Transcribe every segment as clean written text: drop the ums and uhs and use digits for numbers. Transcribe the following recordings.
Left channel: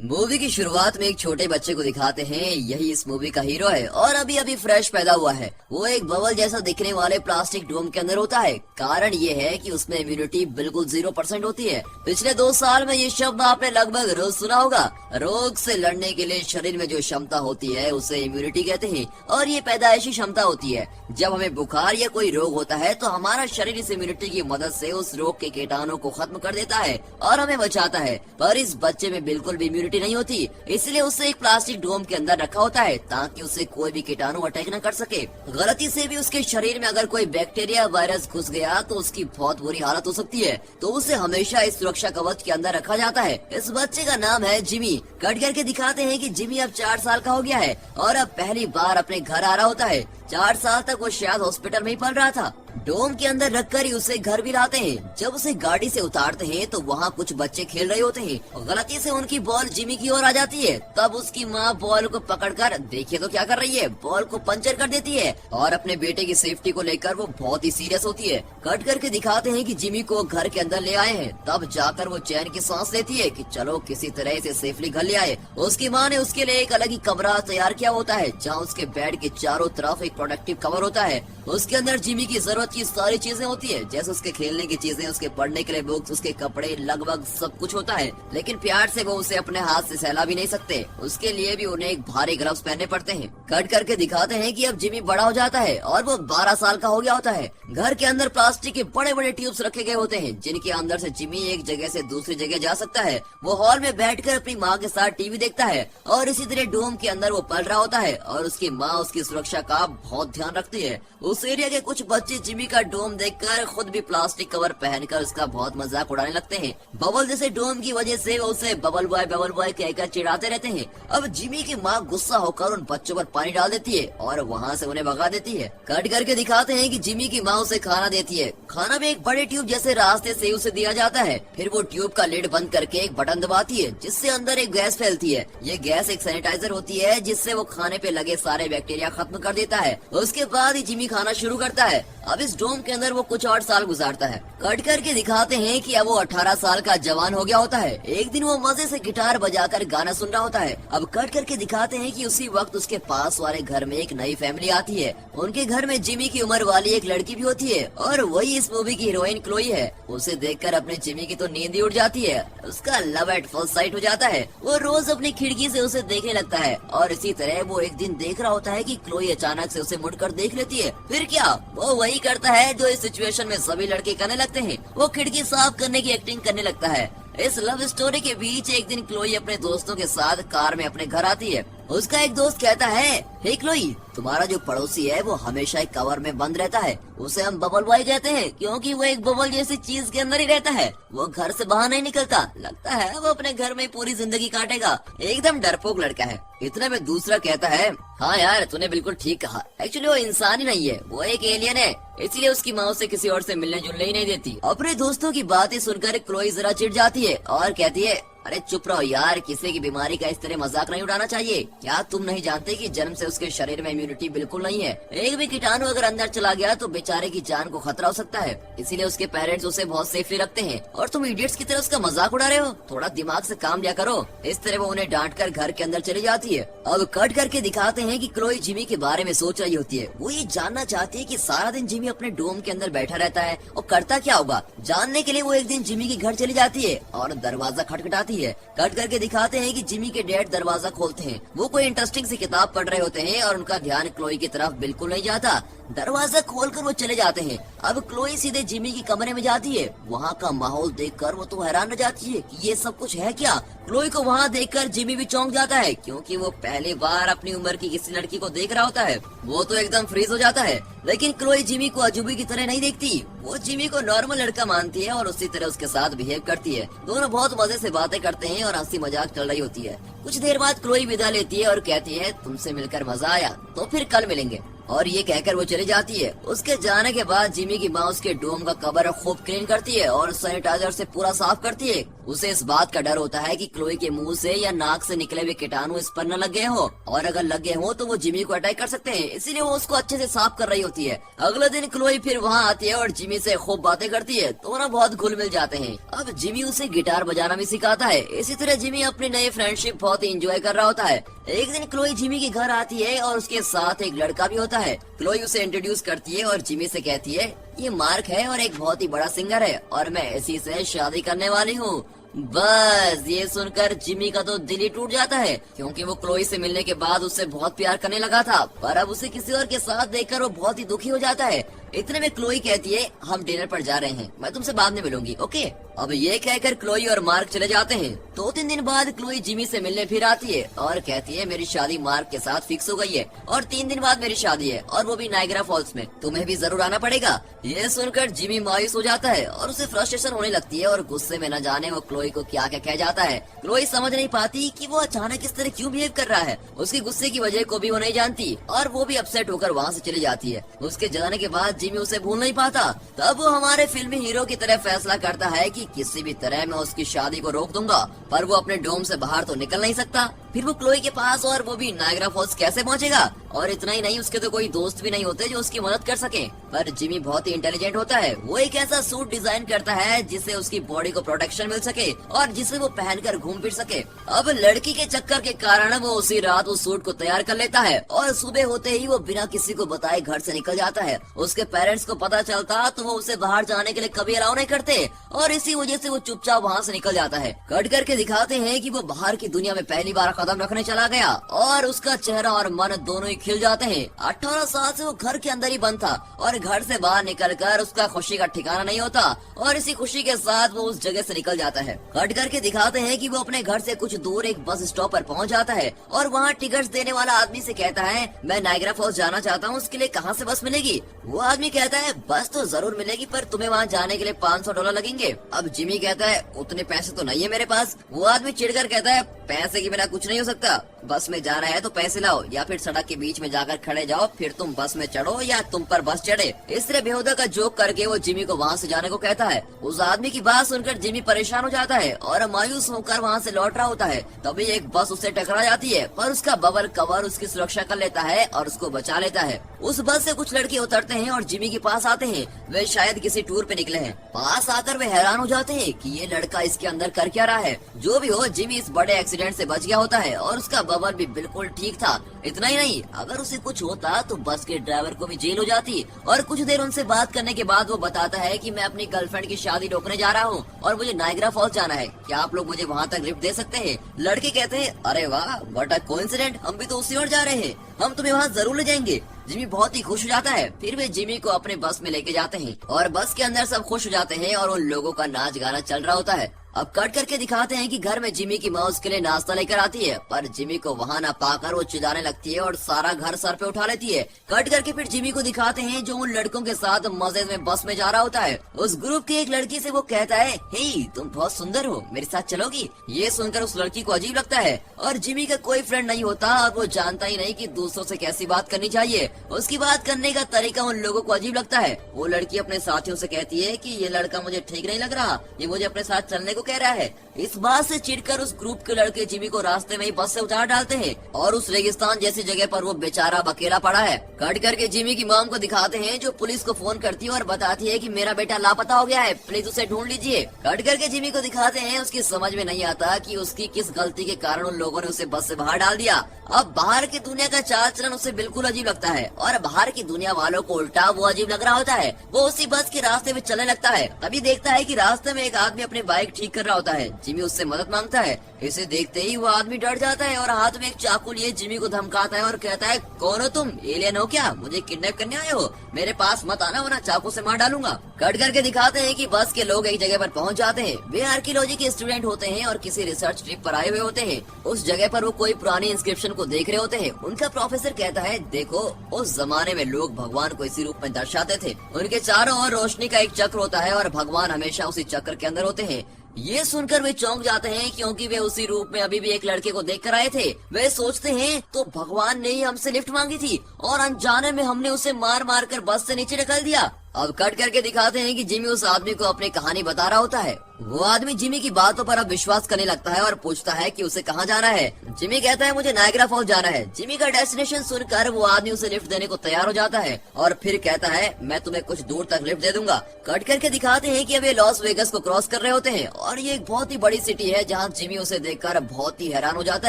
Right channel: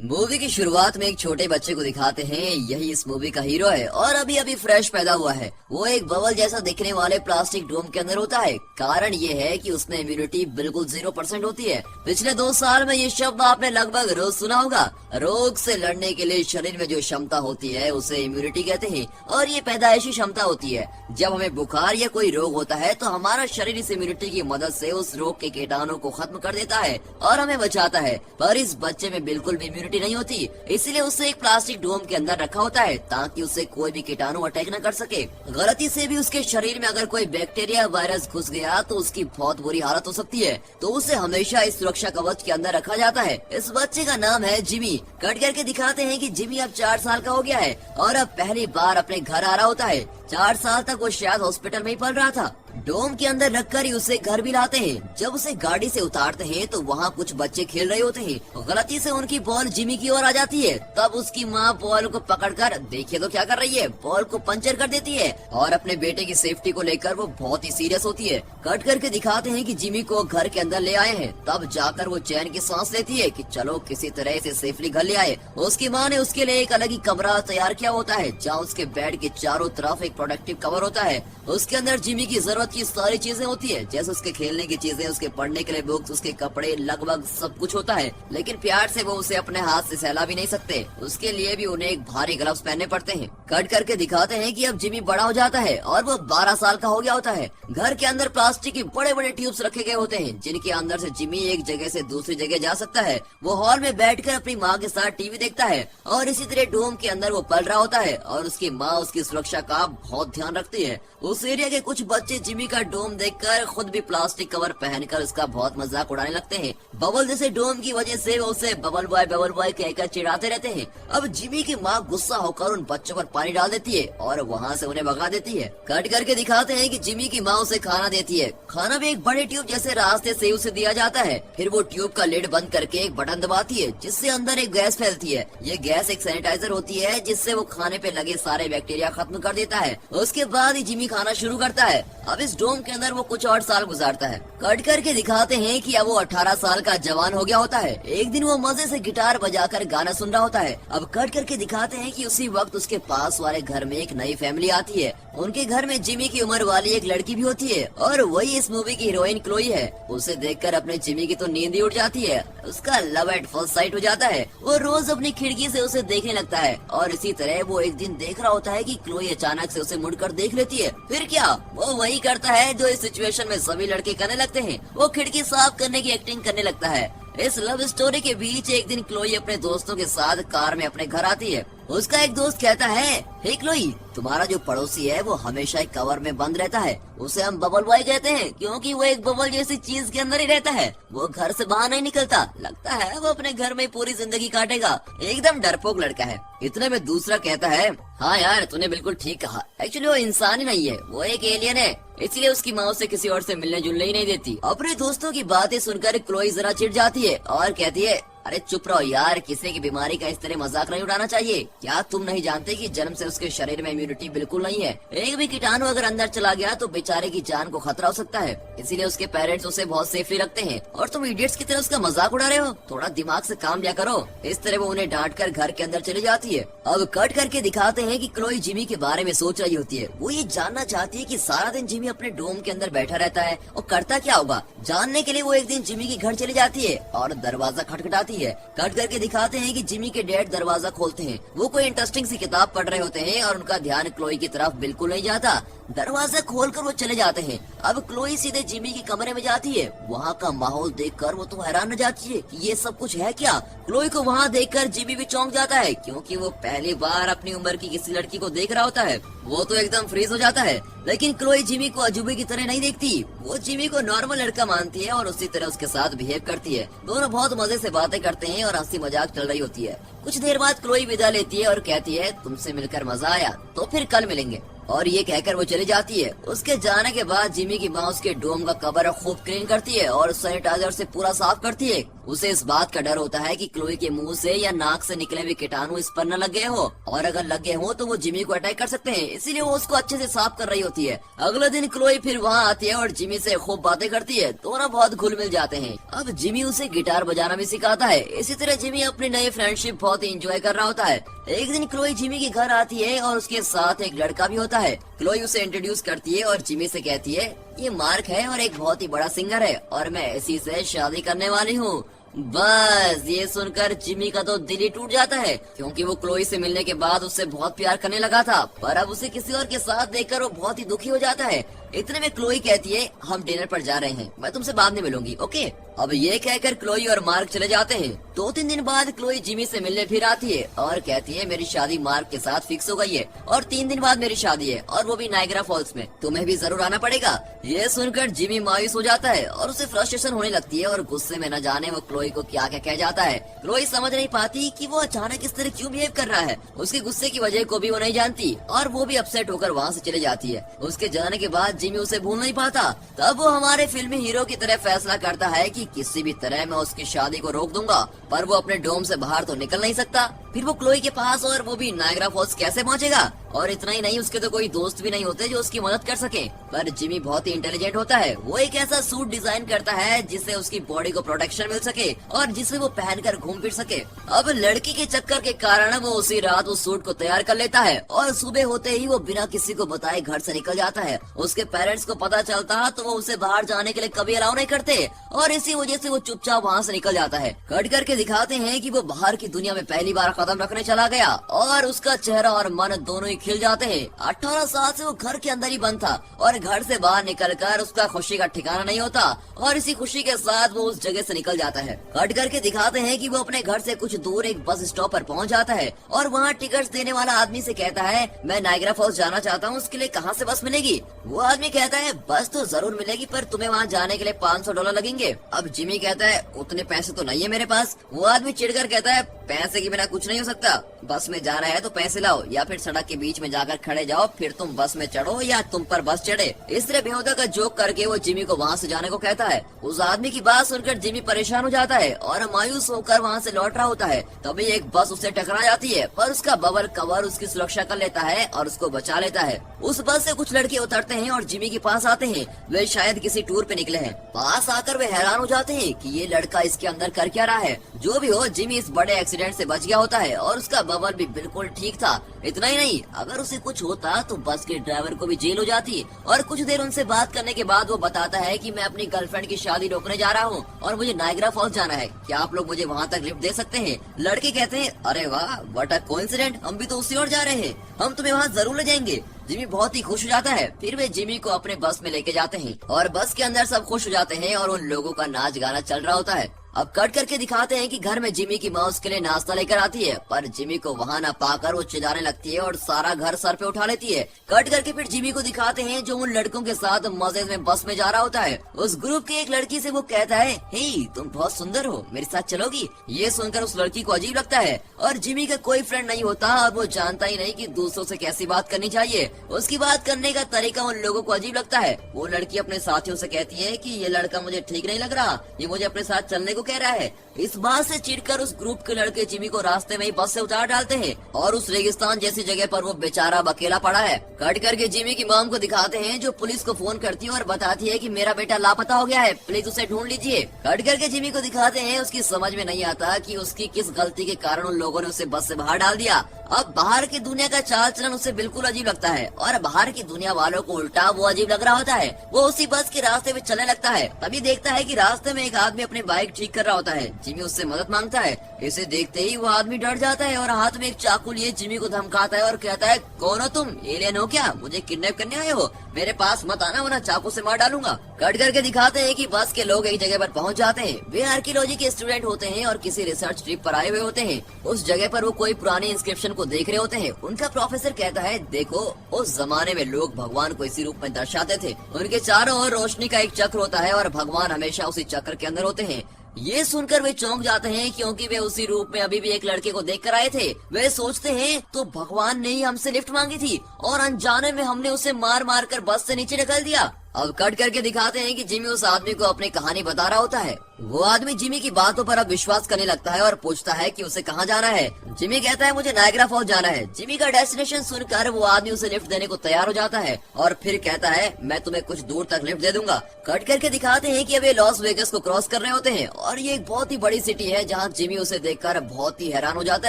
Movie की शुरुआत में एक छोटे बच्चे को दिखाते हैं। यही इस मूवी का हीरो है और अभी अभी फ्रेश पैदा हुआ है। वो एक बबल जैसा दिखने वाले प्लास्टिक डोम के अंदर होता है। कारण ये है कि उसमें इम्यूनिटी बिल्कुल 0% होती है। पिछले 2 साल में ये शब्द आपने लगभग रोज सुना होगा। रोग से लड़ने के लिए शरीर में जो क्षमता होती है उसे इम्यूनिटी कहते हैं और ये पैदाइशी क्षमता होती है। जब हमें बुखार या कोई रोग होता है तो हमारा शरीर इस इम्यूनिटी की मदद से उस रोग के कीटाणु को खत्म कर देता है और हमें बचाता है। पर इस बच्चे में बिल्कुल भी इम्यूनिटी नहीं होती, इसलिए उसे एक प्लास्टिक डोम के अंदर रखा होता है ताकि उसे कोई भी कीटाणु अटैक न कर सके। गलती से भी उसके शरीर में अगर कोई बैक्टीरिया वायरस घुस गया तो उसकी बहुत बुरी हालत हो सकती है। तो उसे हमेशा इस सुरक्षा कवच के अंदर रखा जाता है। इस बच्चे का नाम है जिमी। कट करके दिखाते हैं कि जिमी अब 4 साल का हो गया है और अब पहली बार अपने घर आ रहा होता है। 4 साल तक वो शायद हॉस्पिटल में ही पल रहा था। डोम के अंदर रखकर ही उसे घर भी लाते हैं। जब उसे गाड़ी से उतारते हैं तो वहाँ कुछ बच्चे खेल रहे होते हैं और गलती से उनकी बॉल जिमी की ओर आ जाती है। तब उसकी माँ बॉल को पकड़कर देखिए तो क्या कर रही है, बॉल को पंचर कर देती है और अपने बेटे की सेफ्टी को लेकर वो बहुत ही सीरियस होती है। कट करके दिखाते हैं कि जिमी को घर के अंदर ले आए हैं। तब जाकर वो चैन की सांस लेती है कि चलो किसी तरह से सेफली घर ले आए। उसकी माँ ने उसके लिए एक अलग ही कमरा तैयार किया होता है जहाँ उसके बेड के चारों तरफ एक प्रोटेक्टिव कवर होता है। उसके अंदर जिमी की जरूरत की सारी चीजें होती है, जैसे उसके खेलने की चीजें, उसके पढ़ने के लिए बुक्स, उसके कपड़े, लगभग सब कुछ होता है। लेकिन प्यार से वो उसे अपने हाथ से सहला भी नहीं सकते। उसके लिए भी उन्हें एक भारी ग्लव्स पहनने पड़ते हैं। कट करके दिखाते हैं कि अब जिमी बड़ा हो जाता है और वो 12 साल का हो गया होता है। घर के अंदर प्लास्टिक के बड़े बड़े ट्यूब्स रखे गए होते हैं जिनके अंदर से जिमी एक जगह से दूसरी जगह जा सकता है। वो हॉल में बैठकर अपनी माँ के साथ टीवी देखता है और इसी तरह डोम के अंदर वो पल रहा होता है और उसकी माँ उसकी सुरक्षा का बहुत ध्यान रखती है। उस एरिया के कुछ बच्चे जिमी का डोम देखकर खुद भी प्लास्टिक कवर पहनकर उसका बहुत मजाक उड़ाने लगते हैं। बबल जैसे डोम की वजह से वो उसे बबल बॉय कहकर चिढ़ाते रहते हैं। अब जिमी की माँ गुस्सा होकर उन बच्चों पर पानी डाल देती है और वहाँ से उन्हें भगा देती है। कट करके दिखाते हैं कि जिमी की माँ उसे खाना देती है। खाना भी एक बड़ी ट्यूब जैसे रास्ते से उसे दिया जाता है। फिर वो ट्यूब का लिड बंद करके एक बटन दबाती है जिससे अंदर एक गैस फैलती है। ये गैस एक सैनिटाइजर होती है जिससे वो खाने पे लगे सारे बैक्टीरिया खत्म कर देता है। उसके बाद ही जिमी खाना शुरू करता है। अब इस डोम के अंदर वो कुछ और साल गुजारता है। कट करके दिखाते हैं कि अब वो 18 साल का जवान हो गया होता है। एक दिन वो मजे से गिटार बजाकर गाना सुन रहा होता है। अब कट करके दिखाते हैं कि उसी वक्त उसके पास वाले घर में एक नई फैमिली आती है। उनके घर में जिमी की उम्र वाली एक लड़की भी होती है और वही इस मूवी की हीरोइन क्लोई है। उसे देखकर अपने जिमी की तो नींद ही उड़ जाती है। उसका लव एट फर्स्ट साइट हो जाता है। वो रोज अपनी खिड़की से उसे देखने लगता है और इसी तरह वो एक दिन देख रहा होता है कि क्लोई अचानक से उसे मुड़कर देख लेती है। फिर क्या, वो वही करता है जो इस सिचुएशन में सभी लड़के करने लगते हैं। वो खिड़की साफ करने की एक्टिंग करने लगता है। इस लव स्टोरी के बीच एक दिन क्लोई अपने दोस्तों के साथ कार में अपने घर आती है। उसका एक दोस्त कहता है, हे क्लोई, तुम्हारा जो पड़ोसी है वो हमेशा एक कवर में बंद रहता है। उसे हम बबल बॉय कहते हैं क्योंकि वो एक बबल जैसी चीज के अंदर ही रहता है। वो घर से बाहर नहीं निकलता। लगता है वो अपने घर में पूरी जिंदगी काटेगा। एकदम डरपोक लड़का है। इतने में दूसरा कहता है, हाँ यार तूने बिल्कुल ठीक कहा। एक्चुअली वो इंसान ही नहीं है, वो एक एलियन है। इसलिए उसकी माँ उसे किसी और से मिलने जुलने ही नहीं देती। अपने दोस्तों की बातें सुनकर क्लोई जरा चिढ़ जाती है और कहती है, अरे चुप रहो यार, किसी की बीमारी का इस तरह मजाक नहीं उड़ाना चाहिए। क्या तुम नहीं जानते कि जन्म से उसके शरीर में इम्यूनिटी बिल्कुल नहीं है। एक भी कीटाणु अगर अंदर चला गया तो बेचारे की जान को खतरा हो सकता है। इसीलिए उसके पेरेंट्स उसे बहुत सेफली रखते हैं और तुम इडियट्स की तरह उसका मजाक उड़ा रहे हो। थोड़ा दिमाग से काम लिया करो। इस तरह वो उन्हें डांट कर घर के अंदर चली जाती है। अब कट करके दिखाते हैं कि क्लोई जिमी के बारे में सोच रही होती है। वो ये जानना चाहती है कि सारा दिन जिमी अपने डोम के अंदर बैठा रहता है और करता क्या होगा। जानने के लिए वो एक दिन जिमी के घर चली जाती है और दरवाजा खटखटाती है। कट करके दिखाते हैं कि जिमी के डैड दरवाजा खोलते हैं। वो कोई इंटरेस्टिंग सी किताब पढ़ रहे होते हैं और उनका ध्यान क्लोई की तरफ बिल्कुल नहीं जाता। दरवाजा खोलकर वो चले जाते हैं। अब क्लोई सीधे जिमी के कमरे में जाती है। वहाँ का माहौल देखकर वो तो हैरान रह जाती है कि ये सब कुछ है क्या। क्लोई को वहाँ देखकर जिमी भी चौंक जाता है क्योंकि वो पहली बार अपनी उम्र की किसी लड़की को देख रहा होता है। वो तो एकदम फ्रीज हो जाता है। लेकिन क्लोई जिमी को अजूबे की तरह नहीं देखती। वो जिमी को नॉर्मल लड़का मानती है और उसी तरह उसके साथ बिहेव करती है। दोनों बहुत मजे से बातें करते हैं और हंसी मजाक चल रही होती है। कुछ देर बाद क्लोई विदा लेती है और कहती है, तुमसे मिलकर मजा आया, तो फिर कल मिलेंगे। और ये कहकर वो चली जाती है। उसके जाने के बाद जिमी की माँ उसके डोम का कवर खूब क्लीन करती है और सैनिटाइजर से पूरा साफ करती है उसे इस बात का डर होता है कि क्लोई के मुंह से या नाक से निकले हुए कीटाणु इस पर न लग गए हो, और अगर लग गए हो तो वो जिमी को अटैक कर सकते हैं, इसीलिए वो उसको अच्छे से साफ कर रही होती है। अगले दिन क्लोई फिर वहाँ आती है और जिमी से खूब बातें करती है, दोनों बहुत घुल मिल जाते हैं। अब जिमी उसे गिटार बजाना भी सिखाता है। इसी तरह जिमी अपनी नई फ्रेंडशिप बहुत ही एंजॉय कर रहा होता है। एक दिन क्लोई जिमी के घर आती है और उसके साथ एक लड़का भी होता है। क्लोई उसे इंट्रोड्यूस करती है और जिमी से कहती है, ये मार्क है और एक बहुत ही बड़ा सिंगर है और मैं इसी से शादी करने वाली हूँ। बस ये सुनकर जिमी का तो दिल ही टूट जाता है, क्योंकि वो क्लोई से मिलने के बाद उससे बहुत प्यार करने लगा था, पर अब उसे किसी और के साथ देखकर वो बहुत ही दुखी हो जाता है। इतने में क्लोई कहती है, हम डिनर पर जा रहे हैं, मैं तुमसे बाद में मिलूंगी, ओके। अब ये कहकर क्लोई और मार्क चले जाते हैं। 2-3 दिन बाद क्लोई जिमी से मिलने फिर आती है और कहती है, मेरी शादी मार्क के साथ फिक्स हो गई है और 3 दिन बाद मेरी शादी है और वो भी नायग्रा फॉल्स में, तुम्हें भी जरूर आना पड़ेगा। ये सुनकर जिमी मायूस हो जाता है और उसे फ्रस्ट्रेशन होने लगती है और गुस्से में न जाने वो क्लोई को क्या क्या कह जाता है। क्लोई समझ नहीं पाती कि वो अचानक इस तरह क्यों बिहेव कर रहा है। उसके गुस्से की वजह को भी वो नहीं जानती और वो भी अपसेट होकर वहाँ से चली जाती है। उसके जाने के बाद जिमी उसे भूल नहीं पाता। तब वो हमारे फिल्मी हीरो की तरह फैसला करता है कि किसी भी तरह मैं उसकी शादी को रोक दूंगा, पर वो अपने डोम से बाहर तो निकल नहीं सकता। फिर वो क्लोई के पास और वो भी नायग्रा फॉल्स कैसे पहुंचेगा? और इतना ही नहीं, उसके तो कोई दोस्त भी नहीं होते जो उसकी मदद कर सके। पर जिमी बहुत ही इंटेलिजेंट होता है। वो एक ऐसा सूट डिजाइन करता है जिससे उसकी बॉडी को प्रोटेक्शन मिल सके और जिसे वो पहनकर घूम फिर सके। अब लड़की के चक्कर के कारण वो उसी रात वो सूट को तैयार कर लेता है और सुबह होते ही वो बिना किसी को बताए घर से निकल जाता है। उसके पेरेंट्स को पता चलता तो वो उसे बाहर जाने के लिए कभी अलाउ नहीं करते और इसी वजह से वो चुपचाप वहाँ से निकल जाता है। कट करके दिखाते हैं कि वो बाहर की दुनिया में पहली बार कदम रखने चला गया और उसका चेहरा और मन दोनों ही खिल जाते हैं। 18 साल से वो घर के अंदर ही बंद था और घर से बाहर निकलकर उसका खुशी का ठिकाना नहीं होता और इसी खुशी के साथ वो उस जगह से निकल जाता है। कट करके दिखाते हैं कि वो अपने घर से कुछ दूर एक बस स्टॉप पर पहुंच जाता है और वहाँ टिकट्स देने वाला आदमी से कहता है, मैं नायग्रा फॉल्स जाना चाहता हूँ, उसके लिए कहाँ से बस मिलेगी? वो आदमी कहता है, बस तो जरूर मिलेगी, पर तुम्हें वहाँ जाने के लिए $500 लगेंगे। अब जिमी कहता है, उतने पैसे तो नहीं है मेरे पास। वो आदमी चिढ़कर कहता है, पैसे के बिना कुछ नहीं हो सकता, बस में जाना है तो पैसे लाओ या फिर सड़क के बीच में जाकर खड़े जाओ, फिर तुम बस में चढ़ो या तुम पर बस चढ़े। इस तरह बेहुदा का जोक करके वो जिमी को वहाँ से जाने को कहता है। उस आदमी की बात सुनकर जिमी परेशान हो जाता है और मायूस होकर वहाँ से लौट रहा होता है। तभी एक बस उससे टकरा जाती है, पर उसका बबल कवर उसकी सुरक्षा कर लेता है और उसको बचा लेता है। उस बस से कुछ लड़के उतरते हैं और जिमी के पास आते हैं। वे शायद किसी टूर पे निकले हैं। पास आकर वे हैरान हो जाते हैं कि ये लड़का इसके अंदर कर क्या रहा है। जो भी हो, जिमी इस बड़े एक्सीडेंट से बच गया होता है और उसका बबल भी बिल्कुल ठीक था। इतना ही नहीं, अगर उसे कुछ होता तो बस के ड्राइवर को भी जेल हो जाती। और कुछ देर उनसे बात करने के बाद वो बताता है कि मैं अपनी गर्लफ्रेंड की शादी रोकने जा रहा हूँ और मुझे नायग्रा फॉल्स जाना है, क्या आप लोग मुझे वहाँ तक लिफ्ट दे सकते हैं? लड़के कहते हैं, अरे वाह, व्हाट अ कोइंसिडेंट, हम भी तो उसी ओर जा रहे हैं, हम तुम्हें वहाँ जरूर ले जाएंगे। जिमी बहुत ही खुश हो जाता है। फिर वे जिमी को अपने बस में लेके जाते हैं और बस के अंदर सब खुश हो जाते हैं और उन लोगों का नाच गाना चल रहा होता है। अब कट करके दिखाते हैं कि घर में जिमी की माँ उसके लिए नाश्ता लेकर आती है, पर जिमी को वहाँ न पाकर वो चिल्लाने लगती है और सारा घर सर पे उठा लेती है। कट करके फिर जिमी को दिखाते हैं जो उन लड़कों के साथ मजे में बस में जा रहा होता है। उस ग्रुप की एक लड़की से वो कहता है, हे तुम बहुत सुंदर हो, मेरे साथ चलोगी? ये सुनकर उस लड़की को अजीब लगता है और जिमी का कोई फ्रेंड नहीं होता और वो जानता ही नहीं कि दूसरों से कैसी बात करनी चाहिए। उसकी बात करने का तरीका उन लोगों को अजीब लगता है। वो लड़की अपने साथियों से कहती है कि ये लड़का मुझे ठीक नहीं लग रहा, ये मुझे अपने साथ चलने को कह रहा है। इस बात से चिढ़कर उस ग्रुप के लड़के जिमी को रास्ते में ही बस से उतार डालते हैं और उस रेगिस्तान जैसी जगह पर वो बेचारा अकेला पड़ा है। कट करके जिमी की मॉम को दिखाते हैं जो पुलिस को फोन करती है और बताती है कि मेरा बेटा लापता हो गया है, प्लीज उसे ढूंढ लीजिए। कट करके जिमी को दिखाते हैं उसकी समझ में नहीं आता कि उसकी किस गलती के कारण उन लोगों ने उसे बस से बाहर डाल दिया। अब बाहर की दुनिया का चाल चलन उसे बिल्कुल अजीब लगता है और बाहर की दुनिया वालों को उल्टा वो अजीब लग रहा होता है। वो उसी बस के रास्ते में चलने लगता है। तभी देखता है कि रास्ते में एक आदमी अपनी बाइक ठीक कर रहा होता है। जिमी उससे मदद मांगता है। इसे देखते ही वो आदमी डर जाता है और हाथ में एक चाकू लिए जिमी को धमकाता है और कहता है, कौन हो तुम? एलियन हो क्या? मुझे किडनैप करने आए हो? मेरे पास मत आना वरना चाकू से मार डालूंगा। कट करके दिखाते हैं कि बस के लोग एक जगह पर पहुंच जाते हैं। वे आर्कियोलॉजी के स्टूडेंट होते हैं और किसी रिसर्च ट्रिप पर आए हुए होते हैं। उस जगह पर वो कोई पुरानी इंस्क्रिप्शन को देख रहे होते हैं। उनका प्रोफेसर कहता है, देखो उस जमाने में लोग भगवान को इसी रूप में दर्शाते थे। उनके चारों ओर रोशनी का एक चक्र होता है और भगवान हमेशा उसी चक्र के अंदर होते हैं। ये सुनकर वे चौंक जाते हैं क्योंकि वे उसी रूप में अभी भी एक लड़के को देख कर आए थे। वे सोचते हैं तो भगवान ने ही हमसे लिफ्ट मांगी थी और अनजाने में हमने उसे मार मार कर बस से नीचे निकल दिया। अब कट करके दिखाते हैं कि जिमी उस आदमी को अपनी कहानी बता रहा होता है। वो आदमी जिमी की बातों पर अब विश्वास करने लगता है और पूछता है कि उसे कहाँ जाना है। जिमी कहता है मुझे नायग्रा फॉल्स जाना है। जिमी का डेस्टिनेशन सुनकर वो आदमी उसे लिफ्ट देने को तैयार हो जाता है और फिर कहता है मैं तुम्हें कुछ दूर तक लिफ्ट दे दूंगा। कट करके दिखाते हैं कि अब ये लॉस वेगस को क्रॉस कर रहे होते हैं और ये एक बहुत ही बड़ी सिटी है जहाँ जिमी उसे देखकर बहुत ही हैरान हो जाता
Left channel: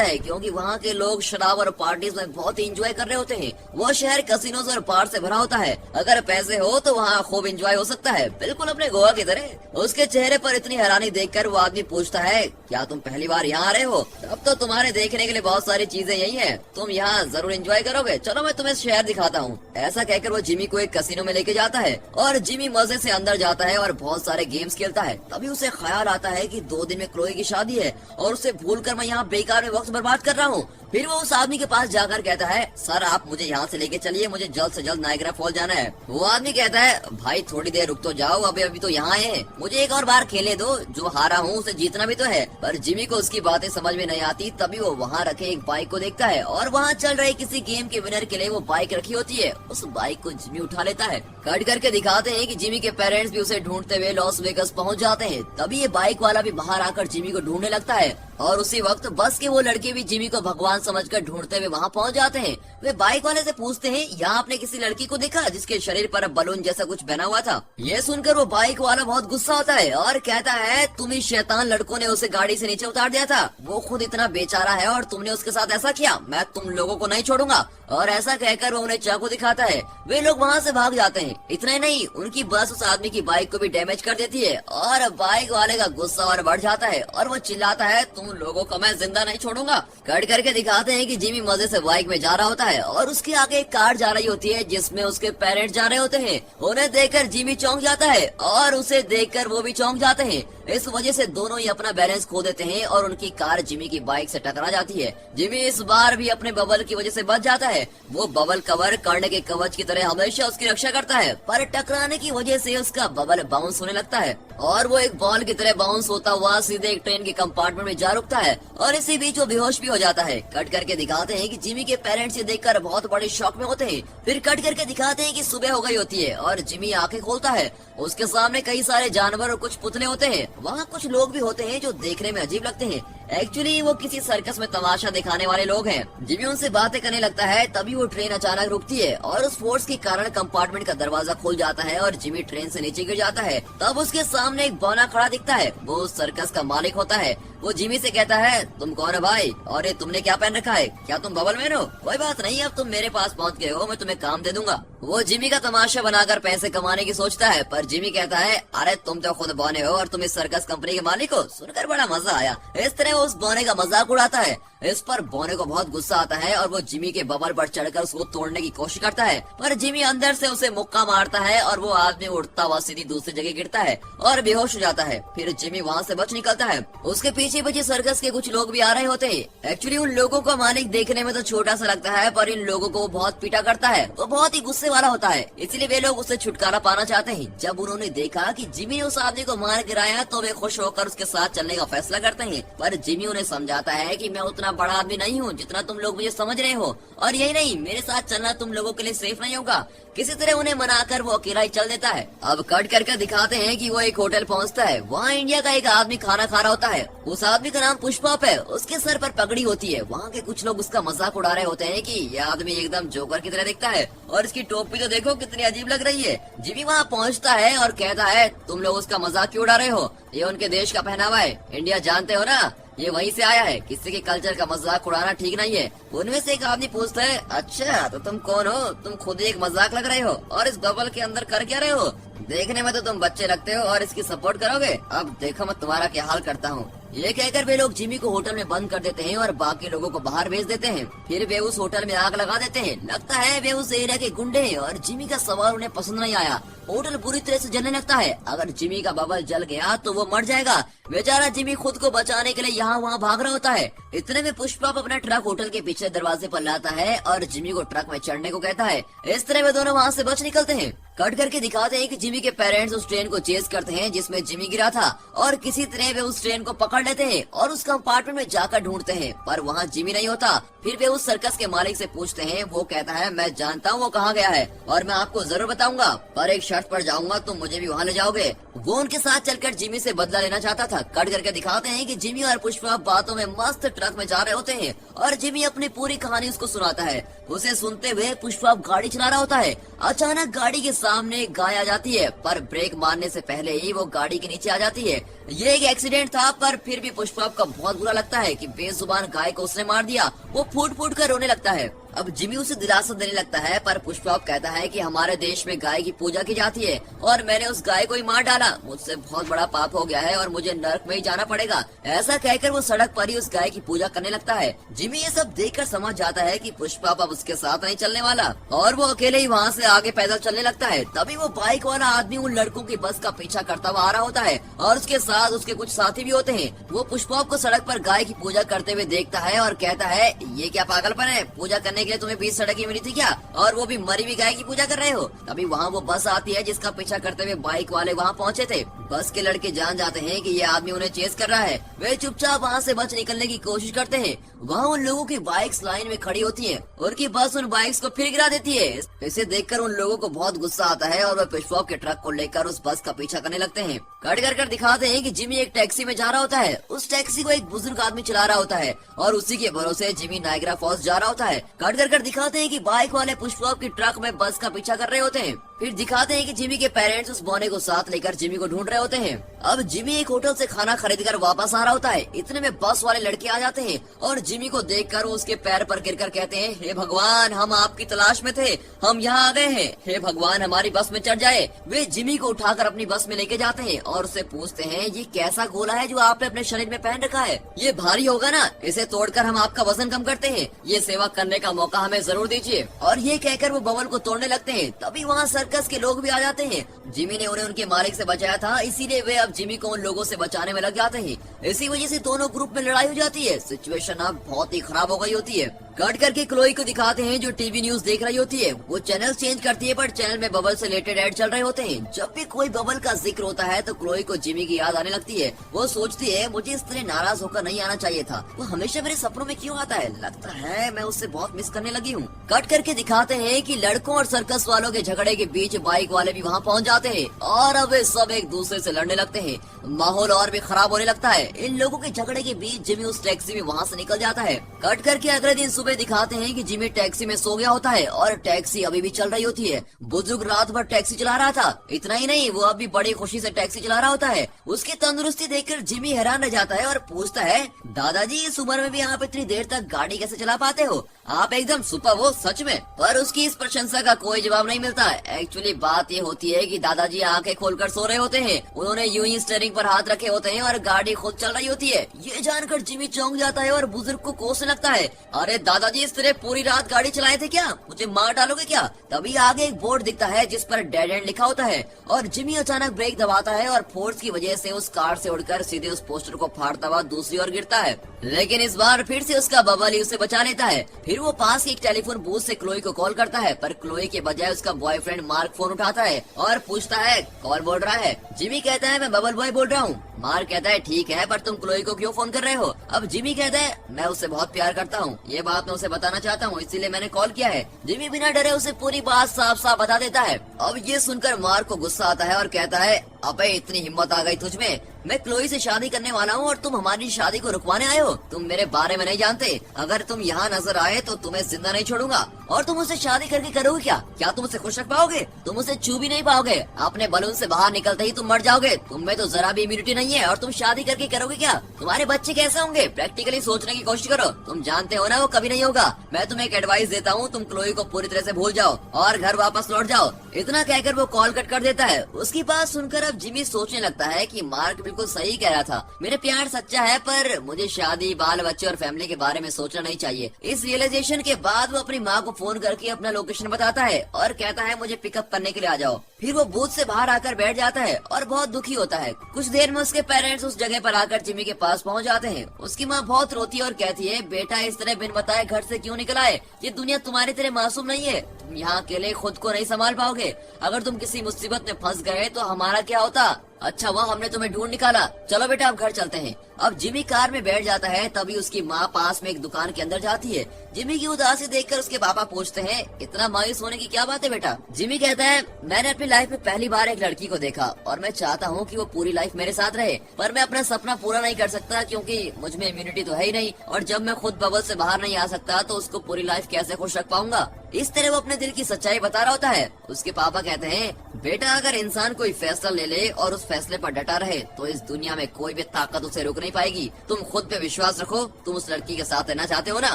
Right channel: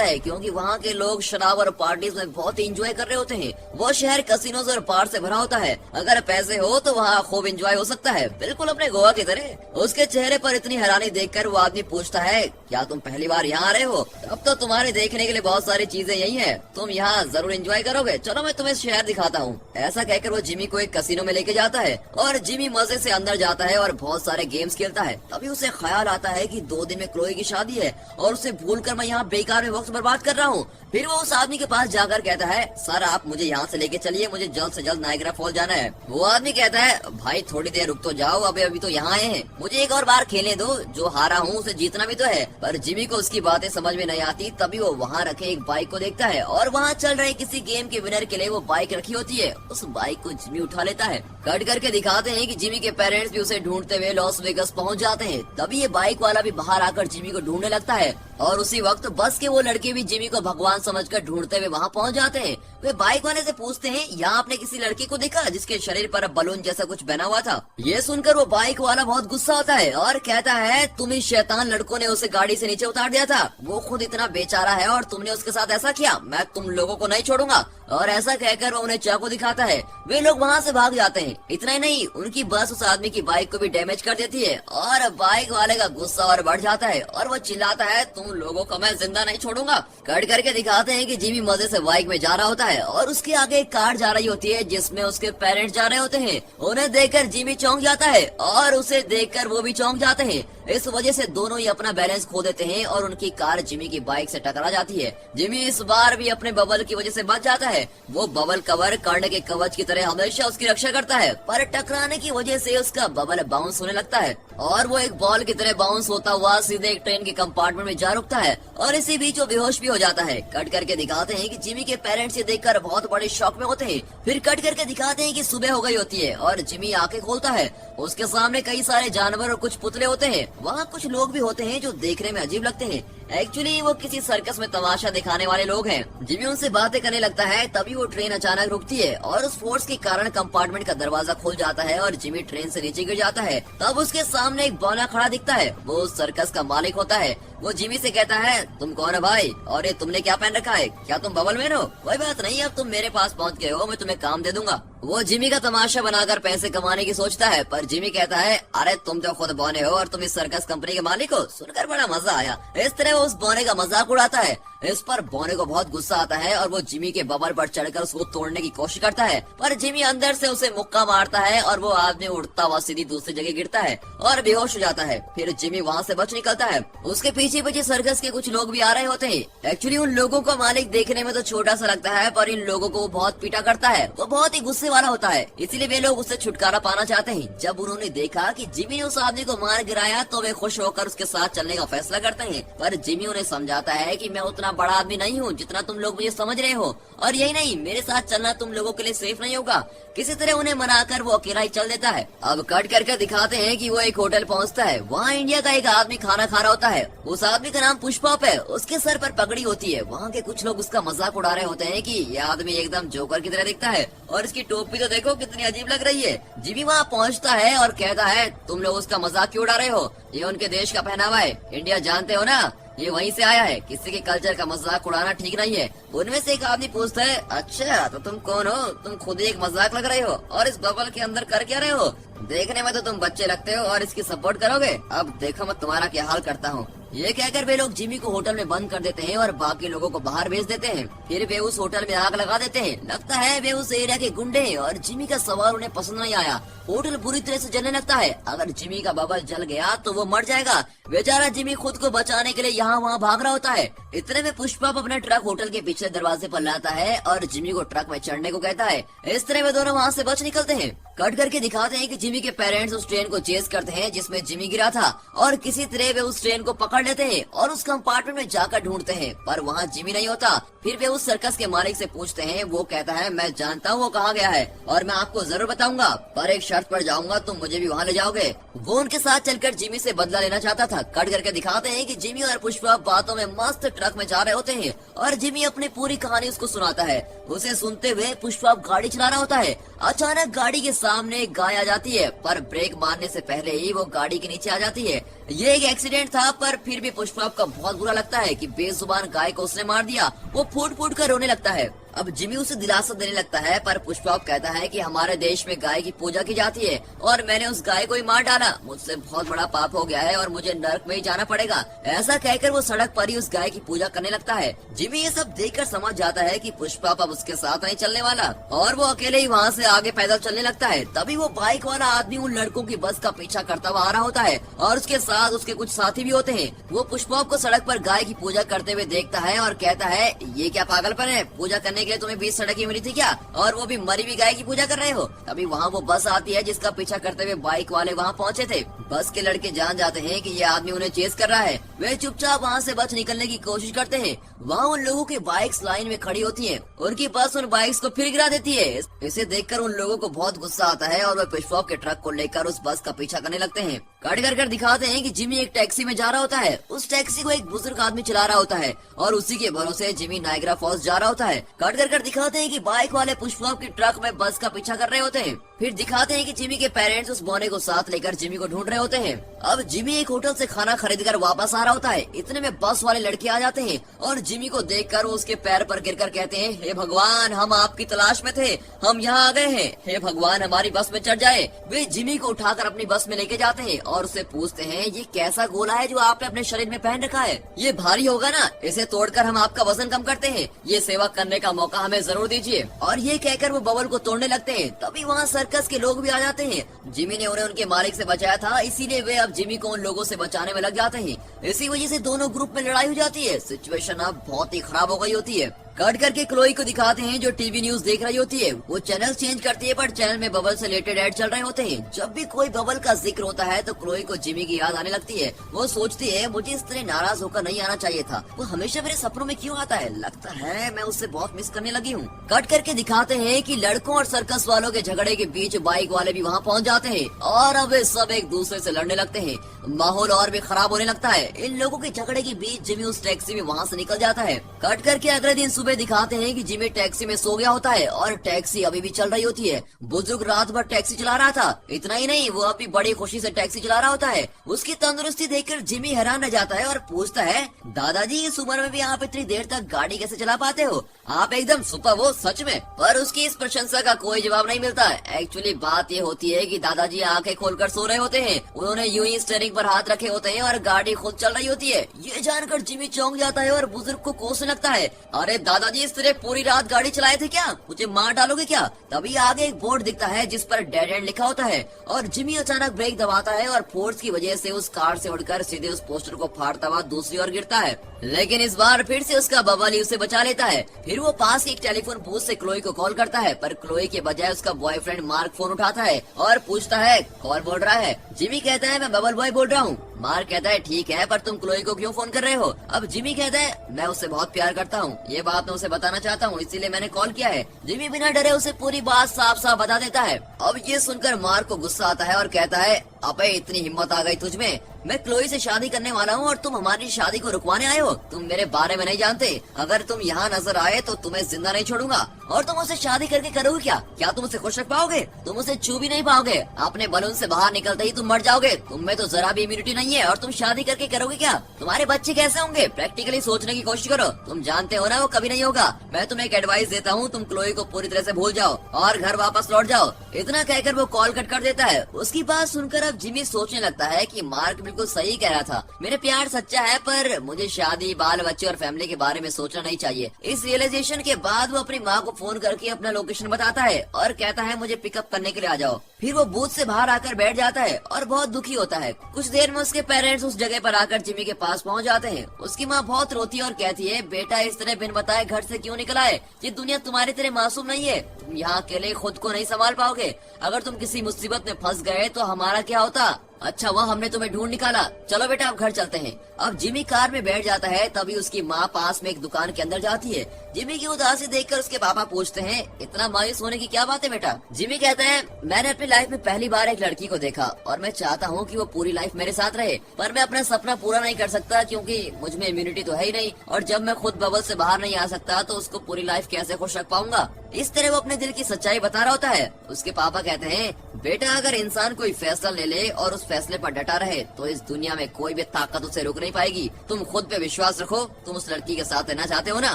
है, क्योंकि वहाँ के लोग शराब और पार्टीज में बहुत ही इंजॉय कर रहे होते हैं। वो शहर कसिनोज और बार से भरा होता है। अगर पैसे हो तो वहाँ खूब इंजॉय हो सकता है, बिल्कुल अपने गोवा की तरह। उसके चेहरे पर इतनी हैरानी देखकर वो आदमी पूछता है क्या तुम पहली बार यहाँ आ रहे हो? अब तो तुम्हारे देखने के लिए बहुत सारी चीजें यही है, तुम यहाँ जरूर एंजॉय करोगे, चलो मैं तुम्हें शहर दिखाता हूँ। ऐसा कहकर वो जिमी को एक कसिनो में लेके जाता है और जिमी मजे से अंदर जाता है और बहुत सारे गेम्स खेलता है। तभी उसे ख्याल आता है कि 2 दिन में क्लोई की शादी है और उसे भूलकर मैं यहाँ बेकार में वक्त बर्बाद कर रहा हूँ। फिर वो उस आदमी के पास जाकर कहता है सर आप मुझे यहाँ से लेके चलिए, मुझे जल्द से जल्द नायग्रा फॉल जाना है। वो आदमी कहता है भाई थोड़ी देर रुक तो जाओ, अभी तो यहाँ है, मुझे एक और बार खेलने दो, जो हारा हूँ उसे जीतना भी तो है। पर जिमी को उसकी बातें समझ में नहीं आती। तभी वो वहाँ रखे एक बाइक को देखता है और वहाँ चल रहे किसी गेम के विनर के लिए वो बाइक रखी होती है। उस बाइक को जिमी उठा लेता है। कट करके दिखाते हैं कि जिमी के पेरेंट्स भी उसे ढूंढते हुए लॉस वेगस पहुँच जाते हैं। तभी ये बाइक वाला भी बाहर आकर जिमी को ढूंढने लगता है और उसी वक्त बस के वो लड़के भी जिमी को भगवान समझकर ढूंढते हुए वहाँ पहुँच जाते हैं। वे बाइक वाले से पूछते हैं यहाँ आपने किसी लड़की को देखा जिसके शरीर पर बलून जैसा कुछ बना हुआ था? ये सुनकर वो बाइक वाला बहुत गुस्सा होता है और कहता है तुम इन शैतान लड़कों ने उसे गाड़ी से नीचे उतार दिया था, वो खुद इतना बेचारा है और तुमने उसके साथ ऐसा किया, मैं तुम लोगों को नहीं छोड़ूंगा। और ऐसा कहकर वो उन्हें चाकू दिखाता है। वे लोग वहाँ से भाग जाते हैं। इतना ही नहीं, उनकी बस उस आदमी की बाइक को भी डैमेज कर देती है और बाइक वाले का गुस्सा और बढ़ जाता है और वो चिल्लाता है तुम लोगों को मैं जिंदा नहीं छोड़ूंगा। कट करके दिखाते हैं कि जिमी मजे से बाइक में जा रहा होता है और उसके आगे एक कार जा रही होती है जिसमें उसके पेरेंट्स जा रहे होते हैं। उन्हें देखकर जिमी चौंक जाता है और उसे देखकर वो भी चौंक जाते हैं। इस वजह से दोनों ही अपना बैलेंस खो देते हैं और उनकी कार जिमी की बाइक से टकरा जाती है। जिमी इस बार भी अपने बबल की वजह से बच जाता है। वो बबल कवर कर्ण के कवच की तरह हमेशा उसकी रक्षा करता है, पर टकराने की वजह से उसका बबल बाउंस होने लगता है और वो एक बॉल की तरह बाउंस होता हुआ सीधे एक ट्रेन के कंपार्टमेंट में जा रुकता है और इसी बीच वो बेहोश भी हो जाता है। कट करके दिखाते हैं कि जिमी के पेरेंट्स ये देखकर बहुत बड़े शॉक में होते हैं। फिर कट करके दिखाते हैं कि सुबह हो गई होती है और जिमी आंखें खोलता है। उसके सामने कई सारे जानवर और कुछ पुतले होते हैं। वहाँ कुछ लोग भी होते हैं जो देखने में अजीब लगते हैं। एक्चुअली वो किसी सर्कस में तमाशा दिखाने वाले लोग हैं। जिमी उनसे बातें करने लगता है। तभी वो ट्रेन अचानक रुकती है और उस फोर्स के कारण कंपार्टमेंट का दरवाजा खुल जाता है और जिमी ट्रेन से नीचे गिर जाता है। तब उसके सामने एक बौना खड़ा दिखता है। वो उस सर्कस का मालिक होता है। वो जिमी से कहता है तुम कौन है भाई और ये तुमने क्या पहन रखा है? क्या तुम बबल मैन हो? कोई बात नहीं, अब तुम मेरे पास पहुंच गए हो, मैं तुम्हें काम दे दूंगा। वो जिमी का तमाशा बनाकर पैसे कमाने की सोचता है, पर जिमी कहता है अरे तुम तो खुद बौने हो और तुम इस सर्कस कंपनी के मालिक हो। सुनकर बड़ा मजा आया। इस तरह वो उस बौने का मजाक उड़ाता है। इस पर बौने को बहुत गुस्सा आता है और वो जिमी के बबल पर चढ़कर उसको तोड़ने की कोशिश करता है, पर जिमी अंदर से उसे मुक्का मारता है और वो आदमी उड़ता हुआ सीधी दूसरी जगह गिरता है और बेहोश हो जाता है। फिर जिमी वहाँ से बच निकलता है। उसके पीछे पीछे सर्कस के कुछ लोग भी आ रहे होते हैं। एक्चुअली उन लोगों का मालिक देखने में तो छोटा सा लगता है, पर इन लोगों को वो बहुत पीटा करता है। वो बहुत ही गुस्से वाला होता है, इसीलिए वे लोग उससे छुटकारा पाना चाहते हैं। जब उन्होंने देखा कि जिमी ने उस आदमी को मार गिराया तो वे खुश होकर उसके साथ चलने का फैसला करते हैं, पर जिमी उन्हें समझाता है कि मैं उतना बड़ा आदमी नहीं हूँ जितना तुम लोग मुझे समझ रहे हो, और यही नहीं, मेरे साथ चलना तुम लोगों के लिए सेफ नहीं होगा। किसी तरह उन्हें मनाकर वो अकेला ही चल देता है। अब कट करके दिखाते हैं कि वो एक होटल पहुंचता है। वहाँ इंडिया का एक आदमी खाना खा रहा होता है। उस आदमी का नाम पुष्पप है। उसके सर पर पगड़ी होती है। वहाँ के कुछ लोग उसका मजाक उड़ा रहे होते हैं कि यह आदमी एकदम जोकर की तरह दिखता है और इसकी टोपी तो देखो कितनी अजीब लग रही है। जिमी वहाँ पहुँचता है और कहता है तुम लोग उसका मजाक क्यों उड़ा रहे हो? ये उनके देश का पहनावा है, इंडिया जानते हो ना, ये वहीं से आया है, किसी के कल्चर का मजाक उड़ाना ठीक नहीं है। उनमें से एक आदमी पूछता है अच्छा तो तुम कौन हो? तुम खुद ही एक मजाक लग रहे हो और इस बबल के अंदर कर क्या रहे हो? देखने में तो तुम बच्चे लगते हो और इसकी सपोर्ट करोगे। अब देखो मैं तुम्हारा क्या हाल करता हूँ। ये कहकर वे लोग जिमी को होटल में बंद कर देते हैं और बाकी लोगों को बाहर भेज देते हैं। फिर वे उस होटल में आग लगा देते हैं। लगता है वे उस एरिया के गुंडे हैं और जिमी का सवाल उन्हें पसंद नहीं आया। होटल बुरी तरह से जलने लगता है। अगर जिमी का बबल जल गया तो वो मर जाएगा। बेचारा जिमी खुद को बचाने के लिए यहाँ वहाँ भाग रहा होता है। इतने में पुष्पप अपना ट्रक होटल के पीछे दरवाजे पर लाता है और जिमी को ट्रक में चढ़ने को कहता है। इस तरह वे दोनों वहाँ से बच निकलते हैं। कट करके दिखाते हैं कि जिमी के पेरेंट्स उस ट्रेन को चेस करते हैं जिसमें जिमी गिरा था और किसी तरह वे उस ट्रेन को पकड़ पकड़ लेते हैं और उस कंपार्टमेंट में जाकर ढूंढते हैं, पर वहाँ जिमी नहीं होता। फिर वे उस सर्कस के मालिक से पूछते हैं। वो कहता है मैं जानता हूँ वो कहाँ गया है और मैं आपको जरूर बताऊंगा, पर एक शर्त पर जाऊंगा, तुम मुझे भी वहाँ ले जाओगे। वो उनके साथ चलकर जिमी से बदला लेना चाहता था। कट करके दिखाते हैं कि जिमी और पुष्पा बातों में मस्त ट्रक में जा रहे होते हैं और जिमी अपनी पूरी कहानी उसको सुनाता है। उसे सुनते हुए पुष्पा गाड़ी चला रहा होता है। अचानक गाड़ी के सामने एक गाय आ जाती है, पर ब्रेक मारने से पहले ही वो गाड़ी के नीचे आ जाती है। ये एक एक्सीडेंट था, पर फिर भी पुष्पा को बहुत बुरा लगता है कि बेजुबान गाय को उसने मार दिया। वो फूट फूट कर रोने लगता है। अब जिमी उसे दिलासा देने लगता है, पर पुष्पा कहता है कि हमारे देश में गाय की पूजा की जाती है और मैंने उस गाय को ही मार डाला। मुझसे बहुत बड़ा पाप हो गया है और मुझे नर्क में ही जाना पड़ेगा। ऐसा कहकर वो सड़क पर ही उस गाय की पूजा करने लगता है। जिमी ये सब देखकर समझ जाता है कि पुष्पा अब उसके साथ नहीं चलने वाला और वो अकेले ही वहाँ से आगे पैदल चलने लगता है। तभी वो बाइक वाला आदमी उन लड़कों की बस का पीछा करता हुआ आ रहा होता है और उसके साथ उसके कुछ साथी भी होते हैं। वो पुष्पा को सड़क पर गाय की पूजा करते हुए देखता है और कहता है ये क्या पागलपन है, पूजा करने के लिए तुम्हें बीच सड़क ही मिली थी क्या, और वो भी मरी हुई गाय की पूजा कर रहे हो। तभी वहाँ वो बस आती है जिसका पीछा करते हुए बाइक वाले वहाँ पहुँचे थे। बस के लड़के जान जाते हैं कि ये आदमी उन्हें चेस कर रहा है। वे चुपचाप वहाँ से बच निकलने की कोशिश करते हैं। वहाँ उन लोगों की बाइक्स लाइन में खड़ी होती है, उनकी बस उन बाइक्स को फिर गिरा देती है। इसे देखकर उन लोगों को बहुत गुस्सा आता है और वे पुष्पा के ट्रक को लेकर उस बस का पीछा करने लगते हैं। कट कर दिखाते हैं कि जिमी एक टैक्सी में जा रहा होता है। उस टैक्सी को एक बुजुर्ग आदमी चला रहा होता है और उसी के भरोसे जिमी नायग्रा फॉल्स जा रहा होता है। कट कर दिखाते हैं कि बाइक वाले पुष्पा के ट्रक में बस का पीछा कर रहे होते हैं। फिर दिखाते हैं कि जिमी के पेरेंट्स उस बोने को साथ लेकर जिमी को ढूंढ रहे होते हैं। अब जिमी एक होटल से खाना खरीदकर वापस आ रहा होता है। इतने में बस वाले लड़के आ जाते हैं और जिमी को देखकर वो उसके पैर पर गिरकर कहते हैं, हे भगवान, हम आपकी तलाश में थे, हम यहाँ आ गए हैं, हे भगवान हमारी बस में चढ़ जाए। वे जिमी को उठाकर अपनी बस में लेके जाते हैं और उससे पूछते हैं, ये कैसा गोला है जो आपने अपने शरीर में पहन रखा है, ये भारी होगा ना, इसे तोड़कर हम आपका वजन कम करते हैं, ये सेवा करने का मौका हमें जरूर दीजिए। और ये कहकर वो बबल को तोड़ने लगते हैं। तभी वहाँ सर्कस के लोग भी आ जाते हैं। जिमी ने उन्हें उनके मालिक से बचाया था, इसीलिए वे अब जिमी को उन लोगों से बचाने में लग जाते हैं। इसी वजह से दोनों ग्रुप में लड़ाई हो जाती है। सिचुएशन अब बहुत ही खराब हो गई होती है। कट करके क्लोई को दिखाते हैं जो टीवी न्यूज देख रही होती है। वो चैनल चेंज करती है, पर चैनल में बबल से रिलेटेड ऐड चल रहे होते हैं। जब भी कोई बबल का जिक्र होता है तो क्लोई को जिमी की याद आने लगती है। वो सोचती है, मुझे इस तरह नाराज होकर नहीं आना चाहिए था, वो हमेशा मेरे सपनों में क्यों आता है, लगता है मैं उससे बहुत मिस करने लगी हूँ। कट करके दिखाते हैं कि लड़कों और सर्कस वालों के झगड़े के बीच बाइक वाले भी वहाँ पहुँच जाते हैं और अब वे सब एक दूसरे से लड़ने लगते हैं। माहौल और भी खराब होने लगता है। इन लोगों के झगड़े के बीच जिमी उस टैक्सी में वहाँ से निकल जाता है। कट करके अगले दिन सुबह दिखाते हैं कि जिमी टैक्सी में सो गया होता है और टैक्सी अभी भी चल रही होती है। बुजुर्ग रात भर टैक्सी चला रहा था। इतना ही नहीं, वो अभी बड़ी खुशी से टैक्सी चला रहा होता है। उसकी तंदुरुस्ती देखकर जिमी हैरान रह जाता है और पूछता है, दादाजी इस उम्र में भी आप इतनी देर तक गाड़ी कैसे चला पाते हो, आप एकदम सुपर हो सच में। पर उसकी इस प्रशंसा का कोई जवाब नहीं मिलता। एक्चुअली बात ये होती है कि दादाजी आंखें खोलकर सो रहे होते हैं। उन्होंने यूं ही स्टीयरिंग पर हाथ रखे होते हैं और गाड़ी खुद चल रही होती है। ये जानकर जिमी चौंक जाता है और बुजुर्ग को कोसने लगता है, अरे दादाजी इस तरह पूरी रात गाड़ी चलाए थे क्या, मुझे मार डालोगे क्या। तभी आगे एक बोर्ड दिखता है जिस पर डेड एंड लिखा होता है और जिमी अचानक ब्रेक दबाता है और फोर्स की वजह से उस कार से उड़कर सीधे उस पोस्टर को फाड़ता हुआ दूसरी ओर गिरता है। लेकिन इस बार फिर से उसका बबल उसे बचा लेता है। फिर वो पास एक टेलीफोन बूथ से क्लोई को कॉल करता है, पर क्लोई के बजाय उसका बॉयफ्रेंड मार्क फोन उठाता है और पूछता है, कौन बोल रहा है। जिमी कहता है, मैं बबल बॉय बोल रहा हूँ। मार्क कहता है, ठीक है, पर तुम क्लोई को क्यों फोन कर रहे हो। अब जिमी कहते हैं, मैं उससे बहुत प्यार करता हूँ, ये बात मैं उसे बताना चाहता हूँ, इसीलिए मैंने कॉल किया है। जिमी बिना डरे उसे पूरी बात साफ साफ बता देता है। अब ये सुनकर मार्क को गुस्सा आता है और कहता है, अबे इतनी हिम्मत आ गई तुझमें, मैं क्लोई से शादी करने वाला हूँ और तुम हमारी शादी को रुकवाने आए हो। तुम मेरे बारे में नहीं जानते, अगर तुम यहाँ नजर आए तो तुम्हें जिंदा नहीं छोड़ूंगा। और तुम उसे शादी करके करोगे क्या तुम उसे खुश रख पाओगे, तुम उसे छू भी नहीं पाओगे, अपने बलून से बाहर निकलते ही तुम मर जाओगे, तुम में तो जरा भी इम्यूनिटी नहीं है और तुम शादी करके करोगे क्या, तुम्हारे बच्चे कैसे होंगे, प्रैक्टिकली सोचने की कोशिश करो, तुम जानते हो ना वो कभी नहीं होगा। मैं तुम्हें एक एडवाइस देता हूँ, तुम क्लोई को पूरी तरह से भूल जाओ और घर वापस लौट जाओ। इतना कहकर वो कॉल कट कर देता है। उसकी बात सुनकर अब जिमी सोचने लगता है कि मार्क बिल्कुल सही कह रहा था, मेरे प्यार सच्चा है, पर मुझे शादी, बाल बच्चे और फैमिली के बारे में सोचना नहीं चाहिए। इस रियलाइजेशन के बाद वो अपनी माँ को फोन करके अपना लोकेशन बताता है और कहता है, मुझे पिकअप करने के लिए आ जाओ। फिर वो बूथ से बाहर आकर बैठ जाता है और बहुत दुखी होता है। कुछ देर में उसके पेरेंट्स उस जगह पर आकर जिमी के पास पहुंच जाते हैं। उसकी माँ बहुत रोती है और कहती है, बेटा इस तरह बिन बताए घर से क्यों निकला है, ये दुनिया तुम्हारी तरह मासूम नहीं है, तुम यहाँ अकेले खुद को नहीं संभाल पाओगे, अगर तुम किसी मुसीबत में फंस गए तो हमारा क्या होता। अच्छा हुआ हमने तुम्हें ढूंढ निकाला, चलो बेटा अब घर चलते हैं। अब जिमी कार में बैठ जाता है, तभी उसकी माँ पास में एक दुकान के अंदर जाती है। जिमी की उदासी देखकर उसके पापा पूछते हैं, इतना मायूस होने की क्या बात है बेटा? जिमी कहता है, मैंने अपनी लाइफ में पहली बार एक लड़की को देखा और मैं चाहता हूँ कि वो पूरी लाइफ मेरे साथ रहे, पर मैं अपना सपना पूरा नहीं कर सकता क्योंकि मुझ में इम्यूनिटी तो है ही नहीं, और जब मैं खुद बबल से बाहर नहीं आ सकता तो उसको पूरी लाइफ कैसे खुश रख पाऊंगा। इस तरह वो अपने दिल की सच्चाई बता रहा होता है। उसके पापा कहते हैं, बेटा अगर इंसान कोई फैसला ले ले और उस फैसले पर डटा रहे तो इस दुनिया में कोई भी ताकत उसे रोक नहीं पाएगी। तुम खुद पे विश्वास रखो, तुम उस लड़की के साथ रहना चाहते हो ना,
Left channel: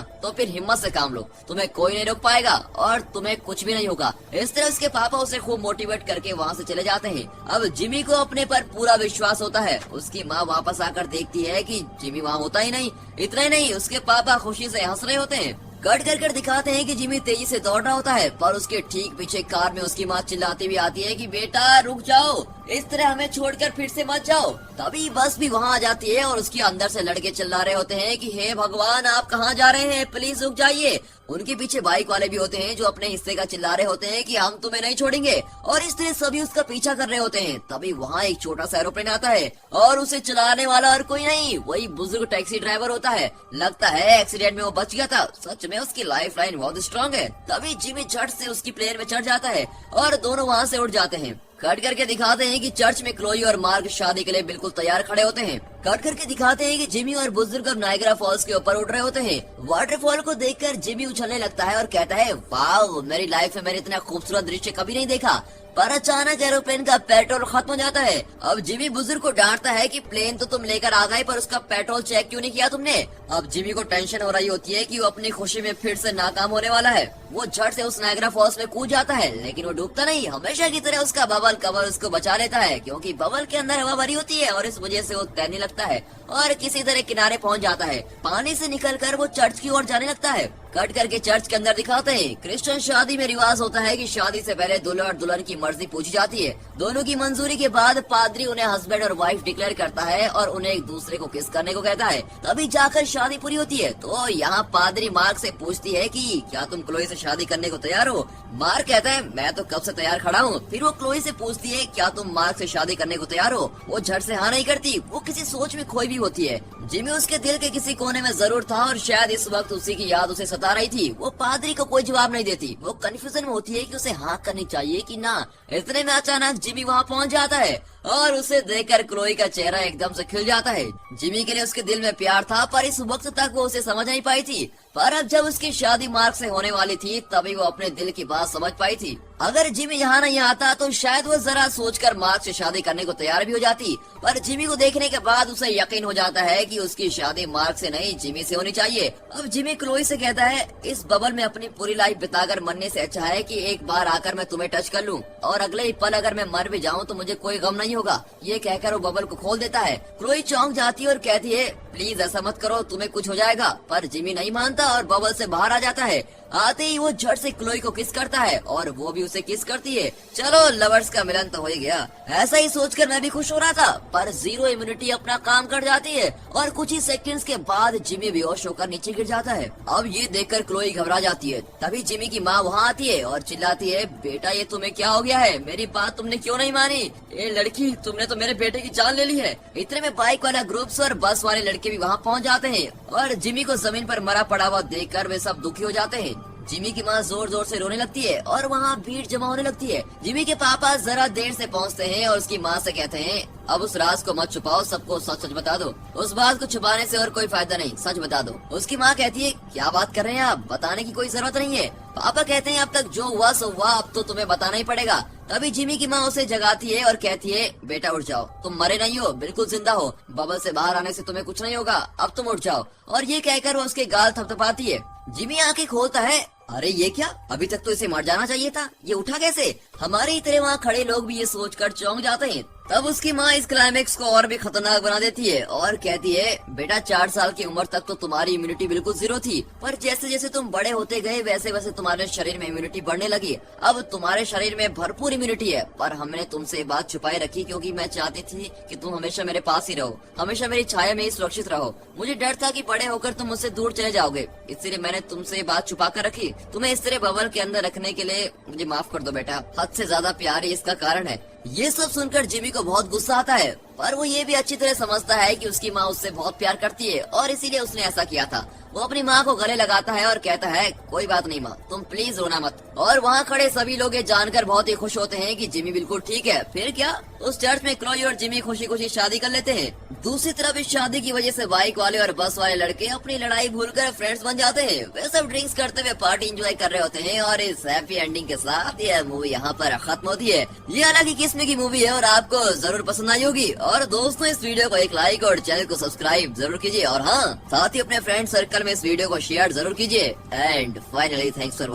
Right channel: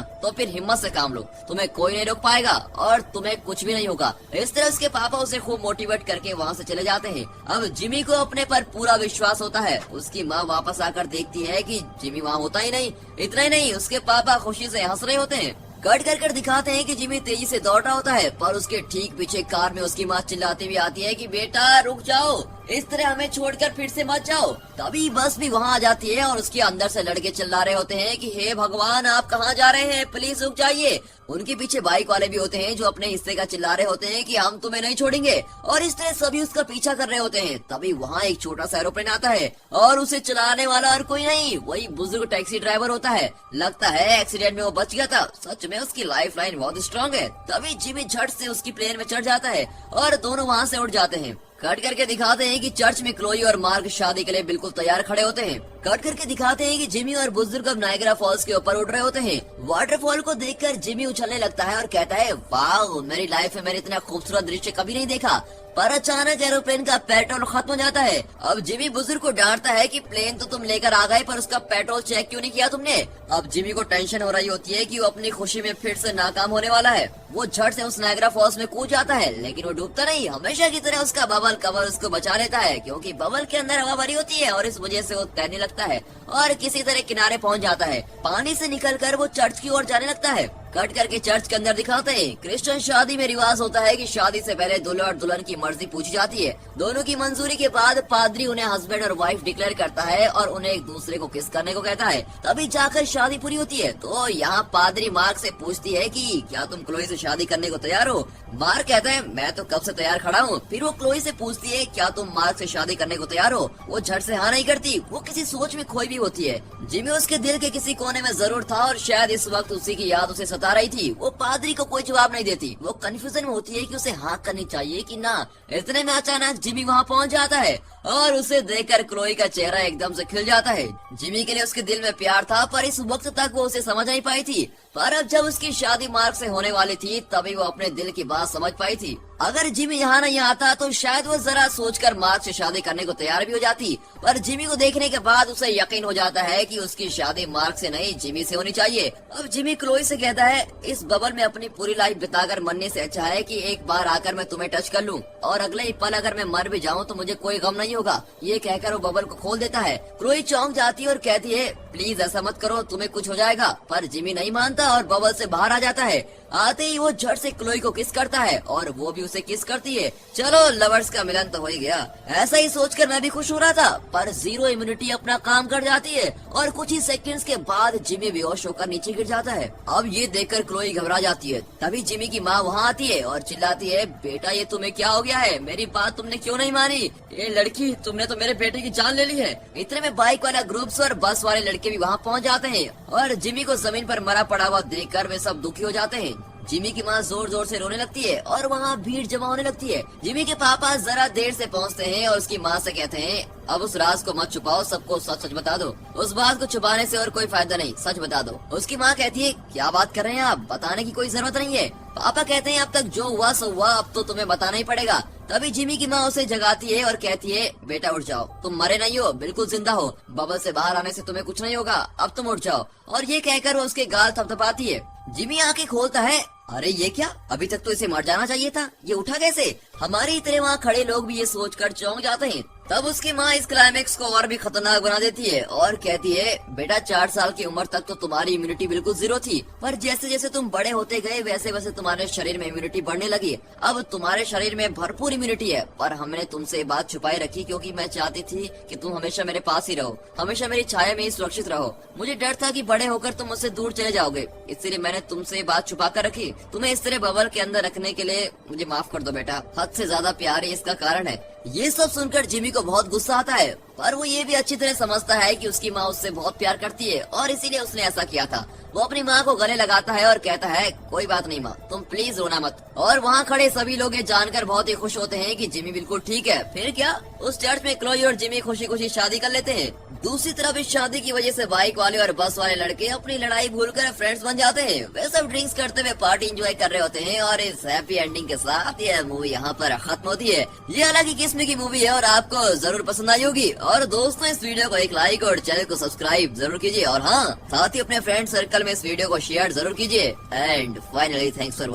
तो फिर हिम्मत से काम लो, तुम्हें कोई नहीं रोक पाएगा और तुम्हें कुछ भी नहीं होगा। इस तरह उसके पापा उसे खूब मोटिवेट करके वहाँ से चले जाते हैं। अब जिमी को अपने पर पूरा विश्वास होता है। उसकी माँ वापस आकर देखती है कि जिमी वहाँ होता ही नहीं। इतना ही नहीं, उसके पापा खुशी से हंस रहे होते हैं। कट कर दिखाते हैं कि जिमी तेजी से दौड़ रहा होता है, पर उसके ठीक पीछे कार में उसकी माँ चिल्लाती हुई आती है कि बेटा रुक जाओ, इस तरह हमें छोड़कर फिर से मत जाओ। तभी बस भी वहाँ आ जाती है और उसके अंदर से लड़के चिल्ला रहे होते हैं कि हे भगवान, आप कहाँ जा रहे हैं, प्लीज रुक जाइए। उनके पीछे बाइक वाले भी होते हैं जो अपने हिस्से का चिल्ला रहे होते हैं कि हम तुम्हें नहीं छोड़ेंगे, और इस तरह सभी उसका पीछा कर रहे होते हैं। तभी वहाँ एक छोटा सा एरोप्लेन आता है और उसे चलाने वाला और कोई नहीं, वही बुजुर्ग टैक्सी ड्राइवर होता है। लगता है एक्सीडेंट में वो बच गया था। सच में उसकी लाइफ लाइन बहुत स्ट्रॉन्ग है। तभी जिमी झट से उसकी प्लेन में चढ़ जाता है और दोनों वहाँ से उड़ जाते हैं। कट करके दिखाते हैं कि चर्च में क्लोई और मार्क शादी के लिए बिल्कुल तैयार खड़े होते हैं। कट करके दिखाते हैं कि जिमी और बुजुर्ग अब नायग्रा फॉल्स के ऊपर उड़ रहे होते हैं। वाटरफॉल को देखकर जिमी उछलने लगता है और कहता है, वाह, मेरी लाइफ में मैंने इतना खूबसूरत दृश्य कभी नहीं देखा। पर अचानक एरोप्लेन का पेट्रोल खत्म हो जाता है। अब जिमी बुजुर्ग को डांटता है कि प्लेन तो तुम लेकर आ गए, पर उसका पेट्रोल चेक क्यों नहीं किया तुमने? अब जिमी को टेंशन हो रही होती है कि वो अपनी खुशी में फिर से नाकाम होने वाला है। वो झट से उस नायग्रा फॉल्स में कूद जाता है, लेकिन वो डूबता नहीं। हमेशा की तरह उसका बबल कवर उसको बचा लेता है, क्योंकि बबल के अंदर हवा भरी होती है और इस वजह से वो तैरने लगता है और किसी तरह किनारे पहुंच जाता है। पानी से निकलकर वो चर्च की ओर जाने लगता है। कट करके चर्च के अंदर दिखाते हैं, क्रिश्चियन शादी में रिवाज होता है कि शादी से पहले दूल्हा और दुल्हन की मर्जी पूछी जाती है। दोनों की मंजूरी के बाद पादरी उन्हें हस्बैंड और वाइफ डिक्लेयर करता है और उन्हें एक दूसरे को किस करने को कहता है। तभी जाकर शादी पूरी होती है। तो यहाँ पादरी मार्क से पूछती है कि क्या तुम क्लोई से शादी करने को तैयार हो? मार्क कहता है, मैं तो कब से तैयार खड़ा हूँ। फिर वो क्लोई से पूछती है, क्या तुम मार्क से शादी करने को तैयार हो? वो झट से हाँ नहीं करती, वो किसी सोच में खोई भी होती है। जिमी उसके दिल के किसी कोने में जरूर था और शायद इस वक्त उसी की याद उसे सता रही थी। वो पादरी को कोई जवाब नहीं देती। वो कंफ्यूजन में होती है कि उसे हाँ करनी चाहिए कि ना। इतने में अचानक जिमी वहाँ पहुँच जाता है और उसे देखकर क्लोई का चेहरा एकदम से खिल जाता है। जिमी के लिए उसके दिल में प्यार था, पर इस वक्त तक वो उसे समझ नहीं पाई थी। पर अब जब उसकी शादी मार्क से होने वाली थी, तभी वो अपने दिल की बात समझ पाई थी। अगर जिमी यहाँ नहीं आता तो शायद वो जरा सोचकर मार्क से शादी करने को तैयार भी हो जाती। पर जिमी को देखने के बाद उसे यकीन हो जाता है कि उसकी शादी मार्क से नहीं, जिमी से होनी चाहिए। अब जिमी क्लोई से कहता है, इस बबल में अपनी पूरी लाइफ बिताकर मरने से अच्छा है कि एक बार आकर मैं तुम्हें टच कर लूं, और अगले ही पल अगर मैं मर भी जाऊं तो मुझे कोई गम नहीं होगा। ये कहकर वो बबल को खोल देता है। क्लोई चौंक जाती है और कहती है, प्लीज ऐसा मत करो, तुम्हें कुछ हो जाएगा। पर जिमी नहीं मानता और बबल से बाहर आ जाता है। आते ही वो झट से क्लोई को किस करता है और वो भी उसे किस करती है। चलो, लवर्स का मिलन तो हो ही गया। ऐसा ही सोचकर मैं भी खुश हो रहा था, पर जीरो इम्यूनिटी अपना काम कर जाती है और कुछ ही सेकंड्स के बाद जिमी बेहोश होकर नीचे गिर जाता है। अब ये देखकर क्लोई घबरा जाती है। तभी जिमी की माँ वहाँ आती है और चिल्लाती है, बेटा ये तुम्हें क्या हो गया है? मेरी बात तुमने क्यों नहीं मानी? ये लड़की, तुमने तो मेरे बेटे की जान ले ली है। इतने में बाइक वाला ग्रुप्स और बस वाले लड़के भी वहाँ पहुँच जाते हैं और जिमी को जमीन पर मरा पड़ा हुआ देखकर वे सब दुखी हो जाते हैं। जिमी की माँ जोर जोर से रोने लगती है और वहाँ भीड़ जमा होने लगती है। जिमी के पापा जरा देर से पहुँचते हैं और उसकी माँ से कहते हैं, अब उस राज को मत छुपाओ, सबको सच सच बता दो। उस बात को छुपाने से और कोई फायदा नहीं, सच बता दो। उसकी माँ कहती है, क्या बात कर रहे हैं आप, बताने की कोई जरूरत नहीं है। पापा कहते हैं, अब तक जो हुआ सो हुआ, अब तो तुम्हें बताना ही पड़ेगा। तभी जिमी की माँ उसे जगाती है और कहती है, बेटा उठ जाओ, तुम मरे नहीं हो, बिल्कुल जिंदा हो। बबल से बाहर आने से तुम्हें कुछ नहीं होगा, अब तुम उठ जाओ। और ये कहकर वो उसके गाल थपथपाती है। जिमी आंखें खोलता है, अरे ये क्या, अभी तक तो इसे मर जाना चाहिए था, ये उठा कैसे? हमारी तरह वहाँ खड़े लोग भी ये सोचकर चौंक जाते हैं। तब उसकी माँ इस क्लाइमेक्स को और भी खतरनाक बना देती है और कहती है, बेटा 4 साल की उम्र तक तो तुम्हारी इम्यूनिटी बिल्कुल जीरो थी, पर जैसे जैसे तुम बड़े होते गए वैसे वैसे तुम्हारे शरीर में इम्यूनिटी बढ़ने लगी। अब तुम्हारे शरीर में भरपूर इम्यूनिटी है, पर हमने तुमसे बात छुपाई रखी क्योंकि मैं चाहती थी कि तुम हमेशा मेरे पास ही रहो, हमेशा मेरी छाया में ही सुरक्षित रहो। मुझे डर था कि बड़े होकर तुम मुझसे दूर चले जाओगे, इसलिए मैंने तुमसे बात छुपा कर रखी। तुम्हें इस तरह बबल के अंदर रखने के लिए मुझे माफ कर दो बेटा, हद से ज्यादा प्यार ही इसका कारण है। ये सब सुनकर जिमी को बहुत गुस्सा आता है, पर वो ये भी अच्छी तरह समझता है कि उसकी माँ उससे बहुत प्यार करती है और इसीलिए उसने ऐसा किया था। वो अपनी माँ को गले लगाता है और कहता है, कोई बात नहीं माँ, तुम प्लीज रोना मत। और वहाँ खड़े सभी लोग ये जानकर बहुत ही खुश होते हैं कि जिमी बिल्कुल ठीक है। फिर क्या, उस चर्च में क्लोई और जिमी खुशी खुशी शादी कर लेते हैं। दूसरी तरफ इस शादी की वजह से बाइक वाले और बस वाले लड़के अपनी लड़ाई भूलकर फ्रेंड्स बन जाते हैं। वे सब ड्रिंक्स करते हुए पार्टी एंजॉय कर रहे होते हैं और इस हैप्पी एंडिंग के साथ ये मूवी यहाँ पर खत्म होती है। ये अलग ही किस्म की मूवी है और आपको जरूर पसंद आई होगी। और दोस्तों, इस वीडियो को एक लाइक और चैनल को सब्सक्राइब जरूर कीजिए और हाँ, साथ ही अपने फ्रेंड सर्कल में इस वीडियो को शेयर जरूर कीजिए। And finally thanks for